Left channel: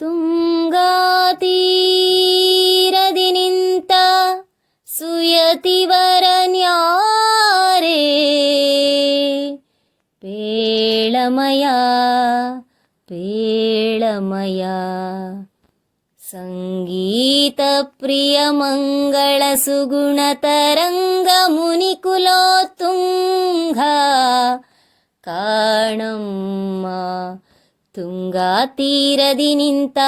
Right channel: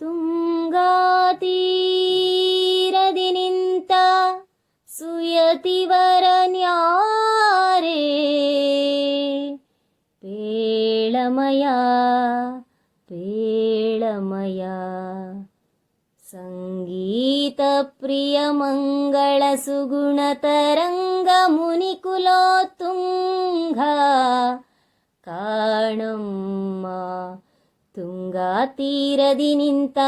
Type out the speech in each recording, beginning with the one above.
ತುಂಗಾತೀರದಿ ನಿಂತ ಸುಯತಿವರನ್ಯಾರೇ ಪೇಳಮಯ ಪೇಳಮಯ ಸಂಗೀತ ಪ್ರಿಯ ಮಂಗಳ ಸುಗುಣ ತರಂಗ ಮುನಿಕುಲೋತ್ತುಂಗ ಕಾಣಮ್ಮ ತುಂಗಾ ತೀರದಿ ನಿಂತ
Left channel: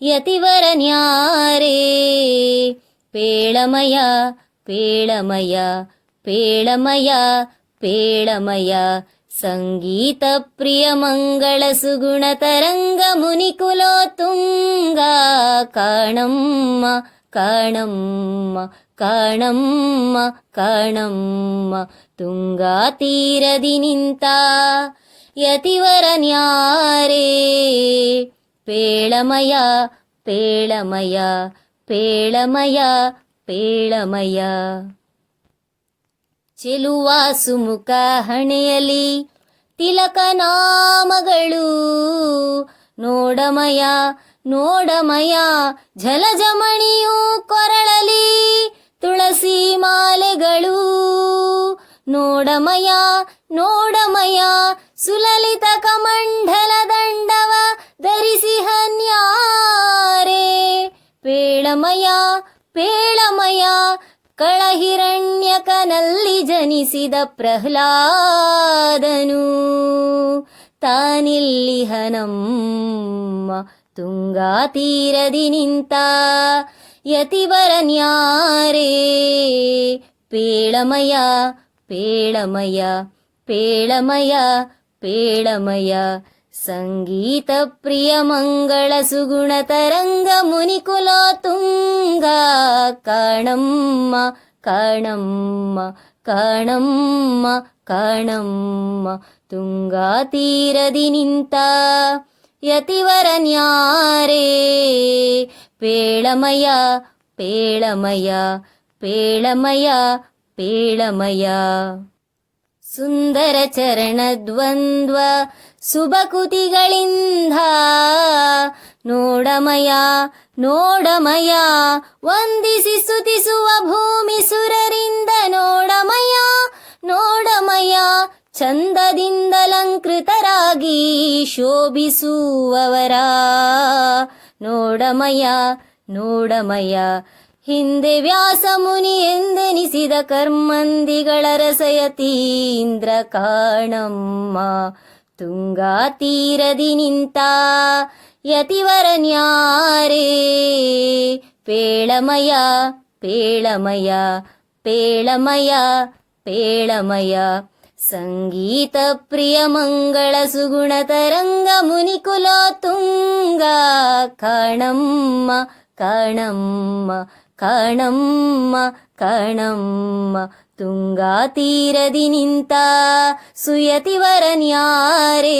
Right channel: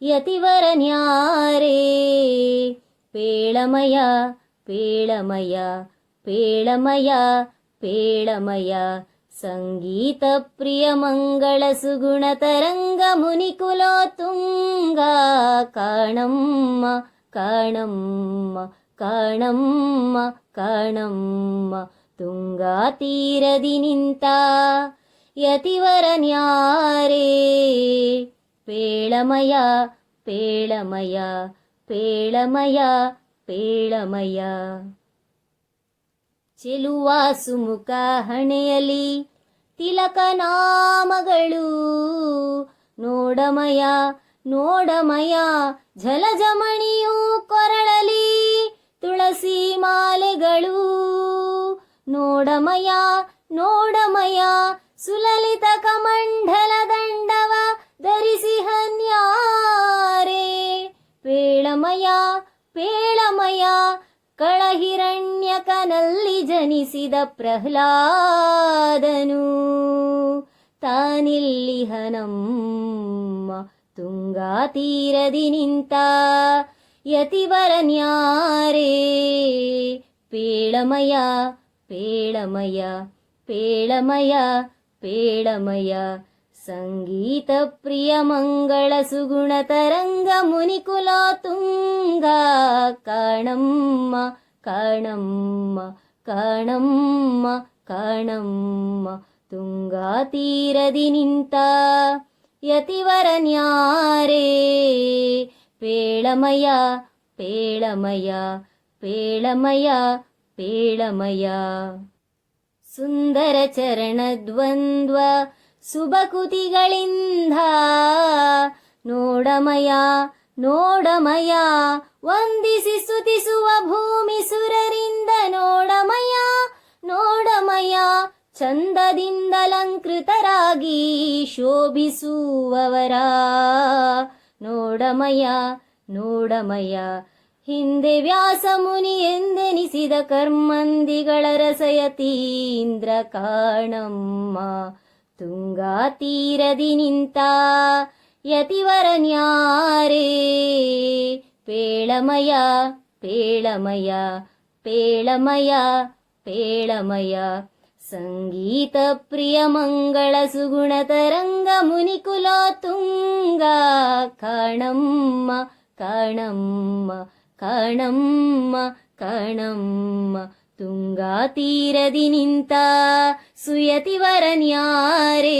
ಯತಿವರನ್ಯಾರೇ ಪೇಳಮಯ ಪೇಳಮಯ ಪೇಳಮಯ ಪೇಳಮಯ ಸಂಗೀತ ಪ್ರಿಯ ಮಂಗಳ ಸುಗುಣ ತರಂಗ ಮುನಿಕುಲೋತ್ತುಂಗ ಕಾಣಮ್ಮ ಕಾಣಮ್ಮ ಕಾಣಮ್ಮ ಕಾಣಮ್ಮ ತುಂಗಾ ತೀರದಿ ನಿಂತ ಯತಿವರನ್ಯಾರೇ ಪೇಳಮಯ ಪೇಳಮಯ ಪೇಳಮಯ ಪೇಳಮಯ ಚೆಲುವ ಸುಮುಖ ಹಣೆಯಲಿ ತಿಲಕ ನಾಮಗಳು ನೋಡಮಯ ನೋಡಮಯ ಝಲಜಮಣಿಯು ಕೊರಳಲಿ ತುಳಸಿ ಮಾಲೆಗಳು ನೋಡಮಯ ನೋಡಮಯ ಸುಲಲಿತ ಕಮಂಡಲ ದಂಡವ ಧರಿಸಿ ಹನ್ಯಾರೇ ಪೇಳಮಯ ಪೇಳಮಯ ಕಳಹಿರಣ್ಯಕನಲ್ಲಿ ಜನಿಸಿದ ಪ್ರಹ್ಲಾದನು ತಾನಿಲ್ಲಿಹನಮ್ಮ ತುಂಗಾ ತೀರದಿ ನಿಂತ ಯತಿವರನ್ಯಾರೇ ಪೇಳಮಯ ಪೇಳಮಯ ಪೇಳಮಯ ಪೇಳಮಯ ಸಂಗೀತ ಪ್ರಿಯ ಮಂಗಳ ಸುಗುಣ ತರಂಗ ಮುನಿಕುಲೋತ್ತುಂಗ ಕಾಣಮ್ಮ ಕಾಣಮ್ಮ ಕಾಣಮ್ಮ ಕಾಣಮ್ಮ ತುಂಗಾ ತೀರದಿ ನಿಂತ ಯತಿವರನ್ಯಾರೇ ಪೇಳಮಯ ಪೇಳಮಯ ಪೇಳಮಯ ಪೇಳಮಯ ಸುಂದರ ಚರಣ ದ್ವಂದ್ವ ಸುಬಕುತಿಗಳಿಂದ ನೋಡಮಯ ನೋಡಮಯ ವಂದಿಸಿ ಸ್ತುತಿಸುವ ಭೂಮಿ ಸುರರಿಂದ ನೋಡಮಯ ನೋಡಮಯ ಚಂದದಿಂದಲಂಕೃತರಾಗಿ ಶೋಭಿಸುವವರ ನೋಡಮಯ ನೋಡಮಯ ಹಿಂದೆ ವ್ಯಾಸ ಮುನಿ ಎಂದೆನಿಸಿದ ಕರ್ಮಂದಿಗಳ ರಸಯತೀಂದ್ರ ಕಾಣಮ್ಮ ತುಂಗಾ ತೀರದಿ ನಿಂತ ಯತಿವರನ್ಯಾರೇ ಪೇಳಮಯ ಪೇಳಮಯ ಪೇಳಮಯ ಪೇಳಮಯ ಸಂಗೀತ ಪ್ರಿಯ ಮಂಗಳ ಸುಗುಣ ತರಂಗ ಮುನಿಕುಲೋತ್ತುಂಗ ಕಾಣಮ್ಮ ಕಾಣಮ್ಮ ಕಾಣಮ್ಮ ಕಾಣಮ್ಮ ತುಂಗಾ ತೀರದಿ ನಿಂತ ಸುಯತಿವರನ್ಯಾರೇ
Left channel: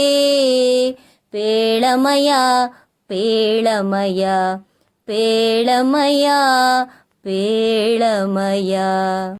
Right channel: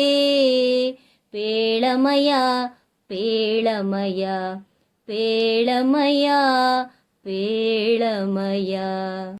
ಪೇಳಮಯ ಪೇಳಮಯ ಪೇಳಮಯ ಪೇಳಮಯ